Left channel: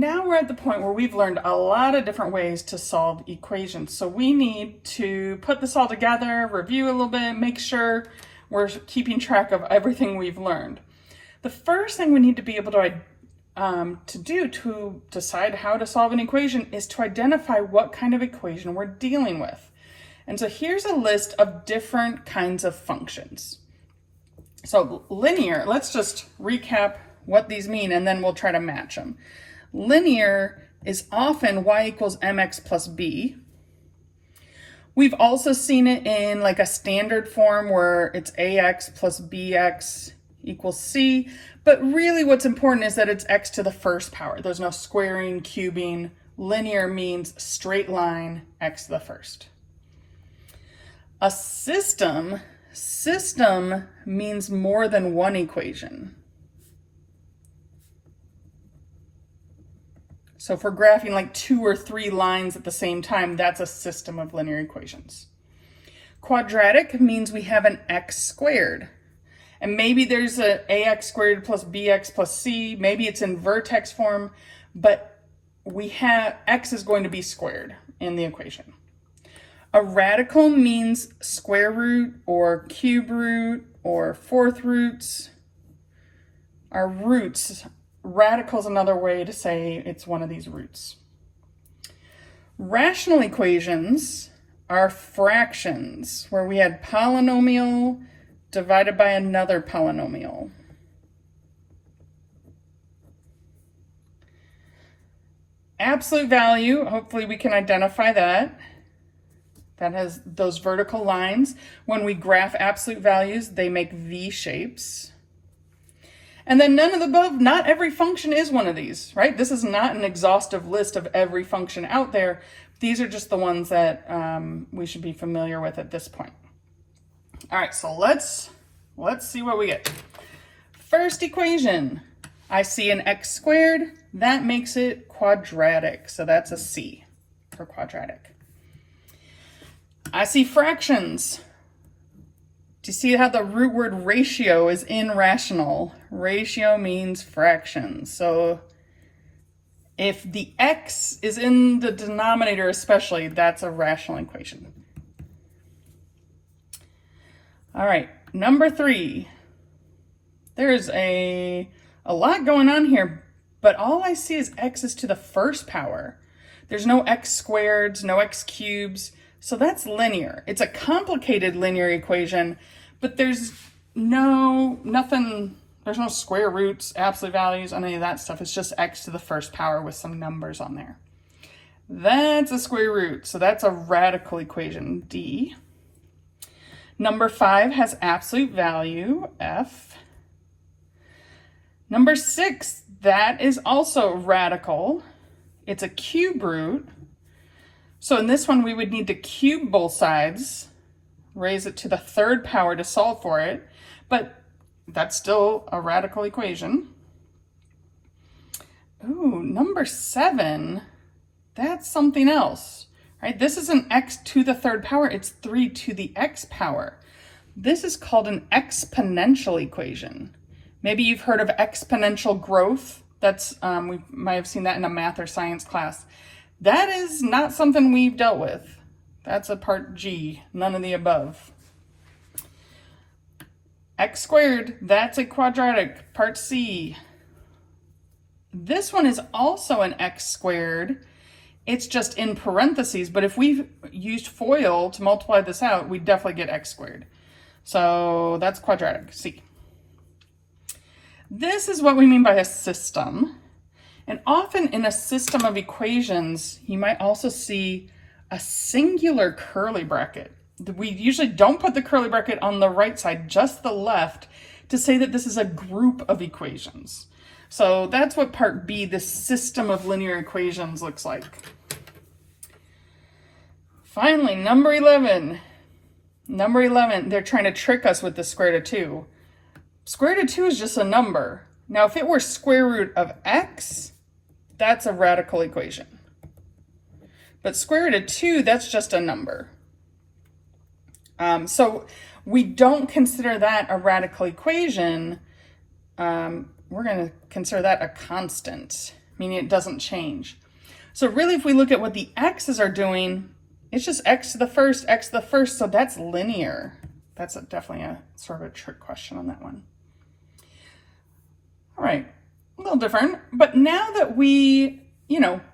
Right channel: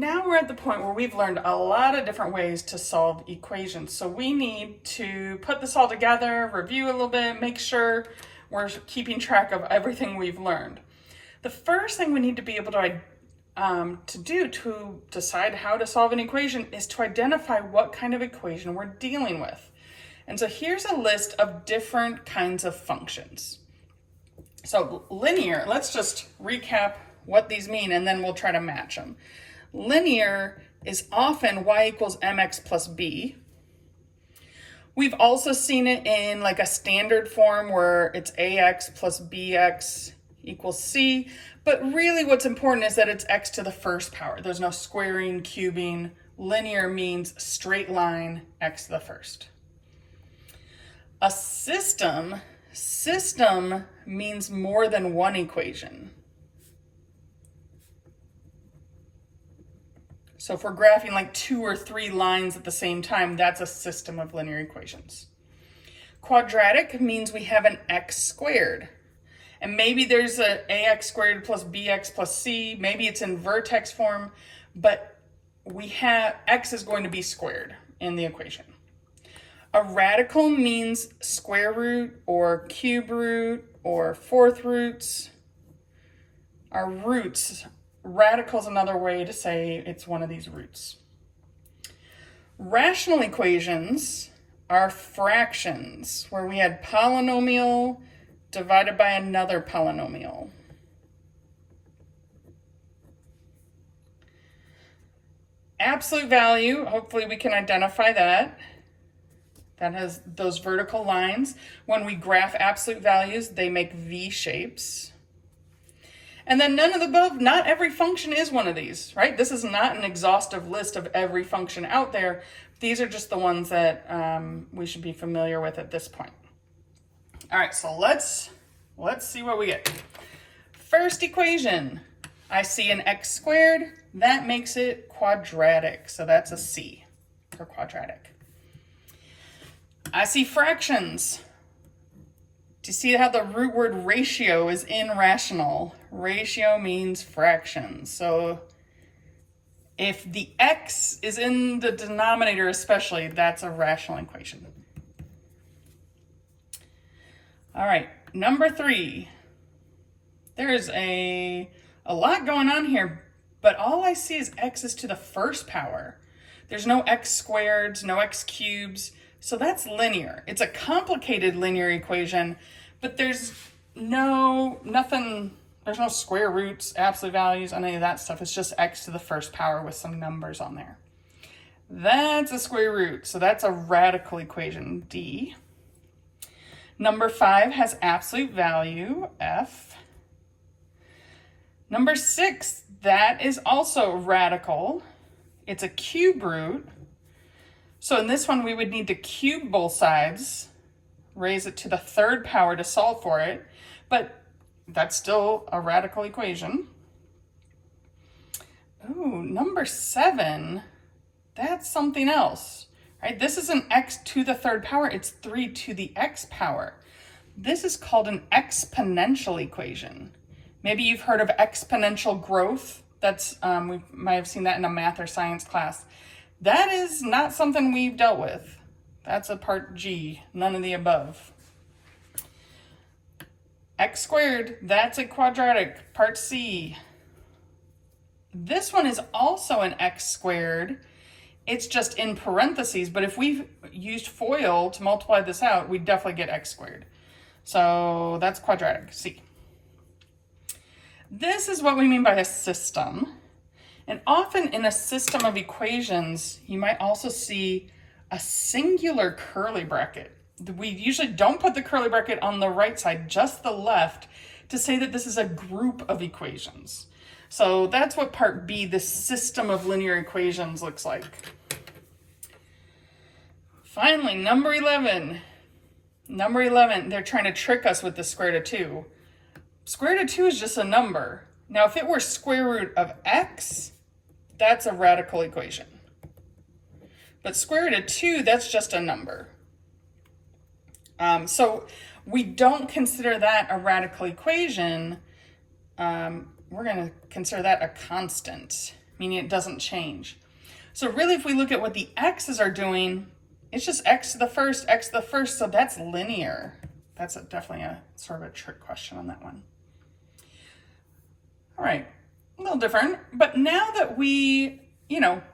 Now we're at the point where we've learned a lot of different ways to solve equations. So we need to put this all together, review a little bit, make sure we're keeping track of everything we've learned. The first thing we need to be able to do to decide how to solve an equation is to identify what kind of equation we're dealing with. And so here's a list of different kinds of functions. So linear, let's just recap what these mean and then we'll try to match them. Linear is often y equals mx plus b. We've also seen it in like a standard form where it's ax plus bx equals c, but really what's important is that it's x to the first power. There's no squaring, cubing. Linear means straight line, x to the first. A system means more than one equation. So if we're graphing like 2 or 3 lines at the same time, that's a system of linear equations. Quadratic means we have an x squared. And maybe there's an ax squared plus bx plus c. Maybe it's in vertex form, but we have x is going to be squared in the equation. A radical means square root or cube root or fourth roots. Our roots, radical is another way to say it's one of these roots. Rational equations are fractions where we had polynomial divided by another polynomial. Absolute value, hopefully we can identify that. That has those vertical lines. When we graph absolute values, they make V shapes. And then none of the above, not every function is one of these, right? This is not an exhaustive list of every function out there. These are just the ones that we should be familiar with at this point. All right, so let's see what we get. First equation, I see an x squared. That makes it quadratic, so that's a C for quadratic. I see fractions. Do you see how the root word ratio is in rational? Ratio means fractions. So if the x is in the denominator especially, that's a rational equation. All right, number 3. There's a lot going on here, but all I see is x is to the first power. There's no x squareds, no x cubes. So that's linear. It's a complicated linear equation, but there's no square roots, absolute values, any of that stuff. It's just x to the first power with some numbers on there. That's a square root, so that's a radical equation, D. Number 5 has absolute value, F. Number 6, that is also radical. It's a cube root. So in this one, we would need to cube both sides, raise it to the third power to solve for it, but that's still a radical equation. Ooh, number 7, that's something else, right? This is an x to the third power. It's 3 to the x power. This is called an exponential equation. Maybe you've heard of exponential growth. That's we might have seen that in a math or science class. That is not something we've dealt with. That's a part G, none of the above. X squared, that's a quadratic, part C. This one is also an x squared. It's just in parentheses, but if we used FOIL to multiply this out, we'd definitely get x squared. So that's quadratic, C. This is what we mean by a system. And often in a system of equations, you might also see a singular curly bracket. We usually don't put the curly bracket on the right side, just the left, to say that this is a group of equations. So that's what part B, the system of linear equations, looks like. Finally, number 11. Number 11, they're trying to trick us with the square root of 2. Square root of 2 is just a number. Now, if it were square root of x, that's a radical equation. But square root of 2, that's just a number. So we don't consider that a radical equation. We're going to consider that a constant, meaning it doesn't change. So really, if we look at what the x's are doing, it's just x to the first, so that's linear. That's definitely a sort of a trick question on that one. All right, a little different, but now that we,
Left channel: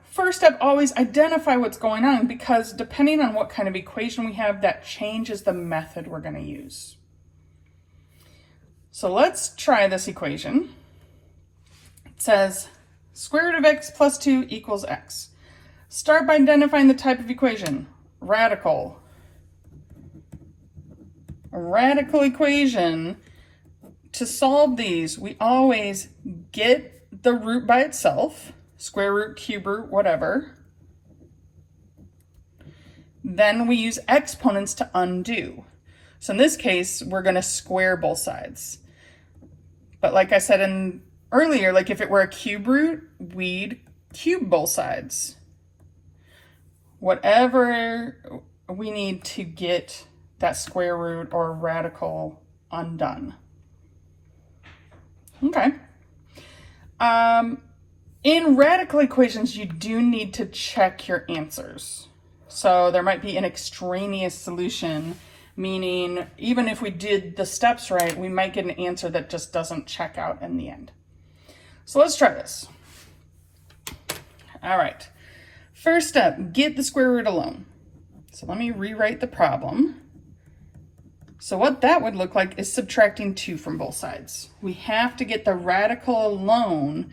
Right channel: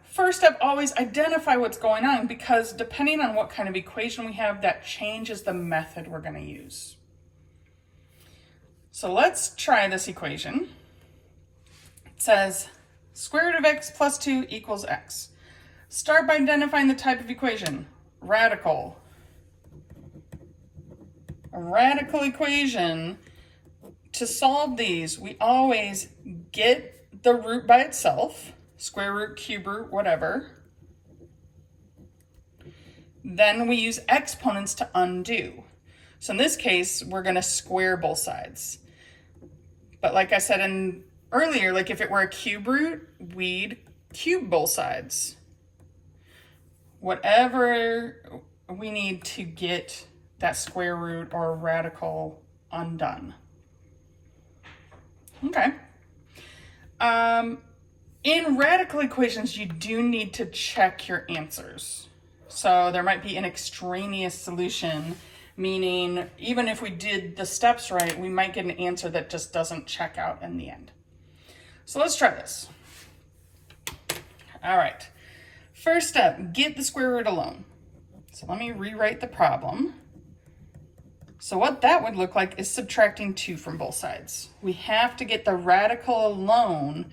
first step, always identify what's going on, because depending on what kind of equation we have, that changes the method we're going to use. So let's try this equation. It says square root of x plus 2 equals x. Start by identifying the type of equation. Radical. A radical equation. To solve these, we always get the root by itself, square root, cube root, whatever. Then we use exponents to undo. So in this case, we're going to square both sides. But like I said earlier, like if it were a cube root, we'd cube both sides. Whatever we need to get that square root or radical undone. Okay. In radical equations, you do need to check your answers. So there might be an extraneous solution, meaning even if we did the steps right, we might get an answer that just doesn't check out in the end. So let's try this. All right. First step, get the square root alone. So let me rewrite the problem. So what that would look like is subtracting 2 from both sides. We have to get the radical alone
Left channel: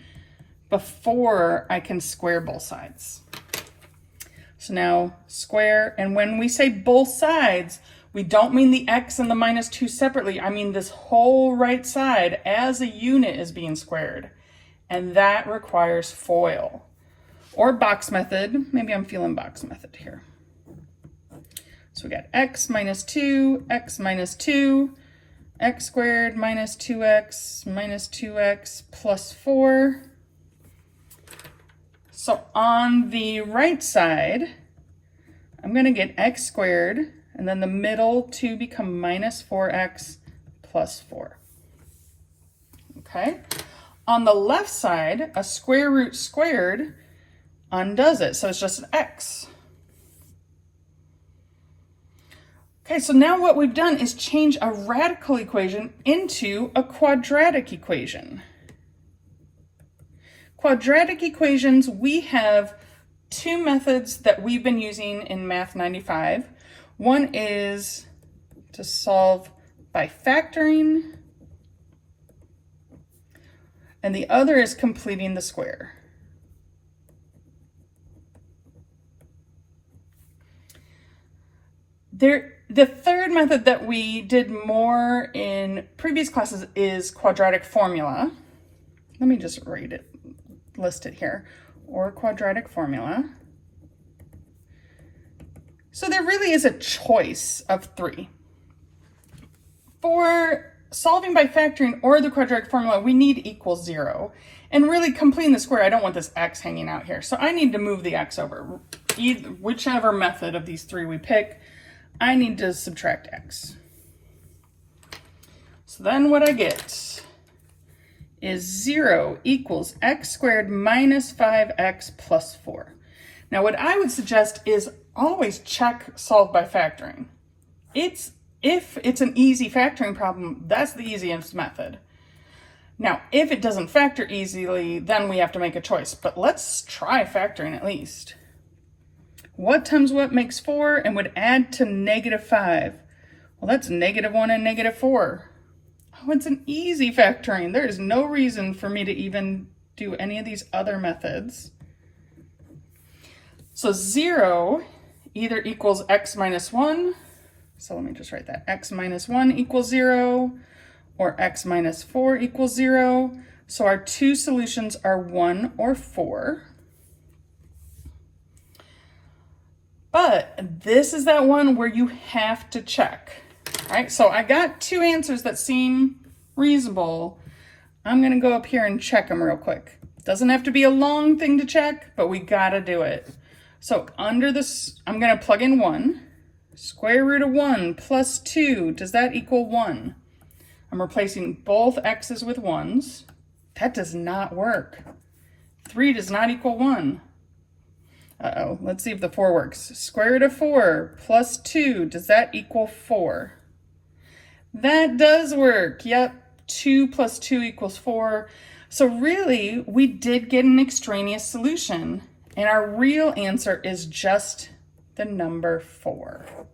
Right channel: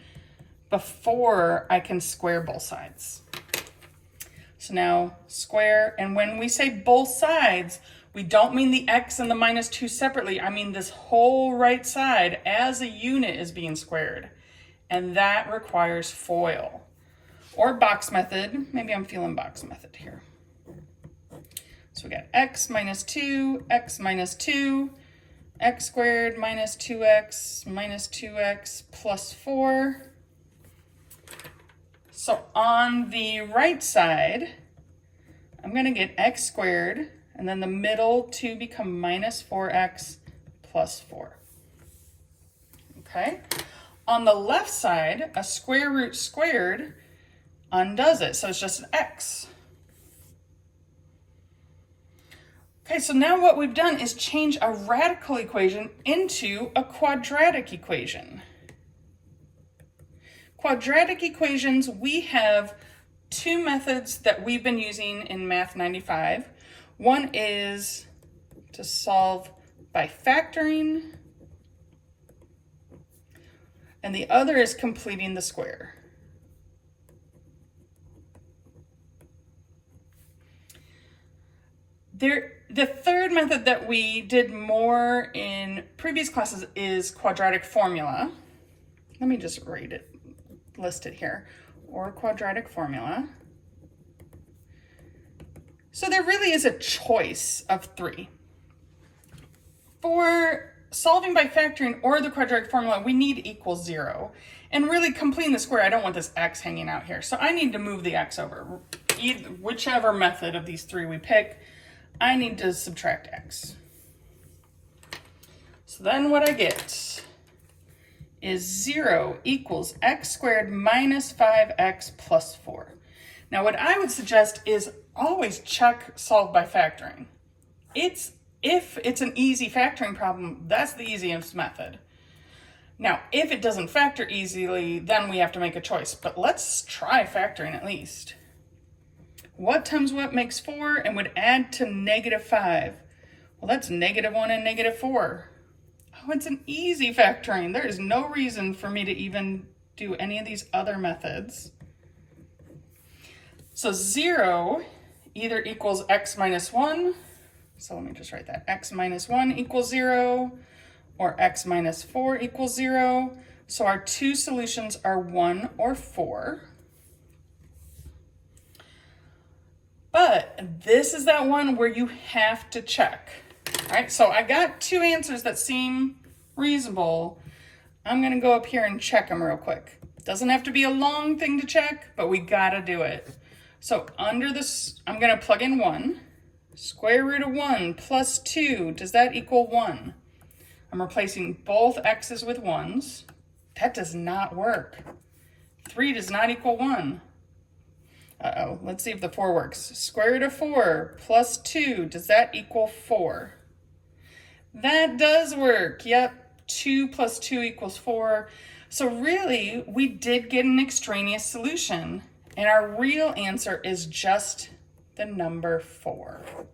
before I can square both sides. So now square, and when we say both sides, we don't mean the x and the minus 2 separately. I mean this whole right side as a unit is being squared. And that requires FOIL. Or box method. Maybe I'm feeling box method here. So we got x minus 2, x minus 2, x squared minus 2x plus 4. So on the right side, I'm going to get x squared, and then the middle 2 become minus 4x plus 4. Okay. On the left side, a square root squared undoes it, so it's just an x. Okay, so now what we've done is change a radical equation into a quadratic equation. Quadratic equations, we have 2 methods that we've been using in Math 95. One is to solve by factoring, and the other is completing the square. The third method that we did more in previous classes is quadratic formula. Let me just list it here, or quadratic formula. So there really is a choice of 3. For solving by factoring or the quadratic formula, we need equals 0. And really completing the square, I don't want this x hanging out here. So I need to move the x over. Whichever method of these 3 we pick, I need to subtract x. So then what I get is 0 equals x squared minus 5x plus 4. Now what I would suggest is always check solve by factoring. If it's an easy factoring problem, that's the easiest method. Now, if it doesn't factor easily, then we have to make a choice, but let's try factoring at least. What times what makes 4 and would add to -5? Well, that's -1 and -4. Oh, it's an easy factoring. There is no reason for me to even do any of these other methods. So 0 either equals x minus 1. So let me just write that. X minus 1 equals 0, or x minus 4 equals 0. So our 2 solutions are 1 or 4. But this is that one where you have to check. All right, so I got 2 answers that seem reasonable. I'm gonna go up here and check them real quick. Doesn't have to be a long thing to check, but we gotta do it. So under this, I'm gonna plug in 1. Square root of 1 plus 2, does that equal 1? I'm replacing both x's with 1s. That does not work. 3 does not equal 1. Uh-oh, let's see if the 4 works. Square root of 4 plus 2, does that equal 4? That does work, yep. 2 plus 2 equals 4. So really, we did get an extraneous solution, and our real answer is just the number 4.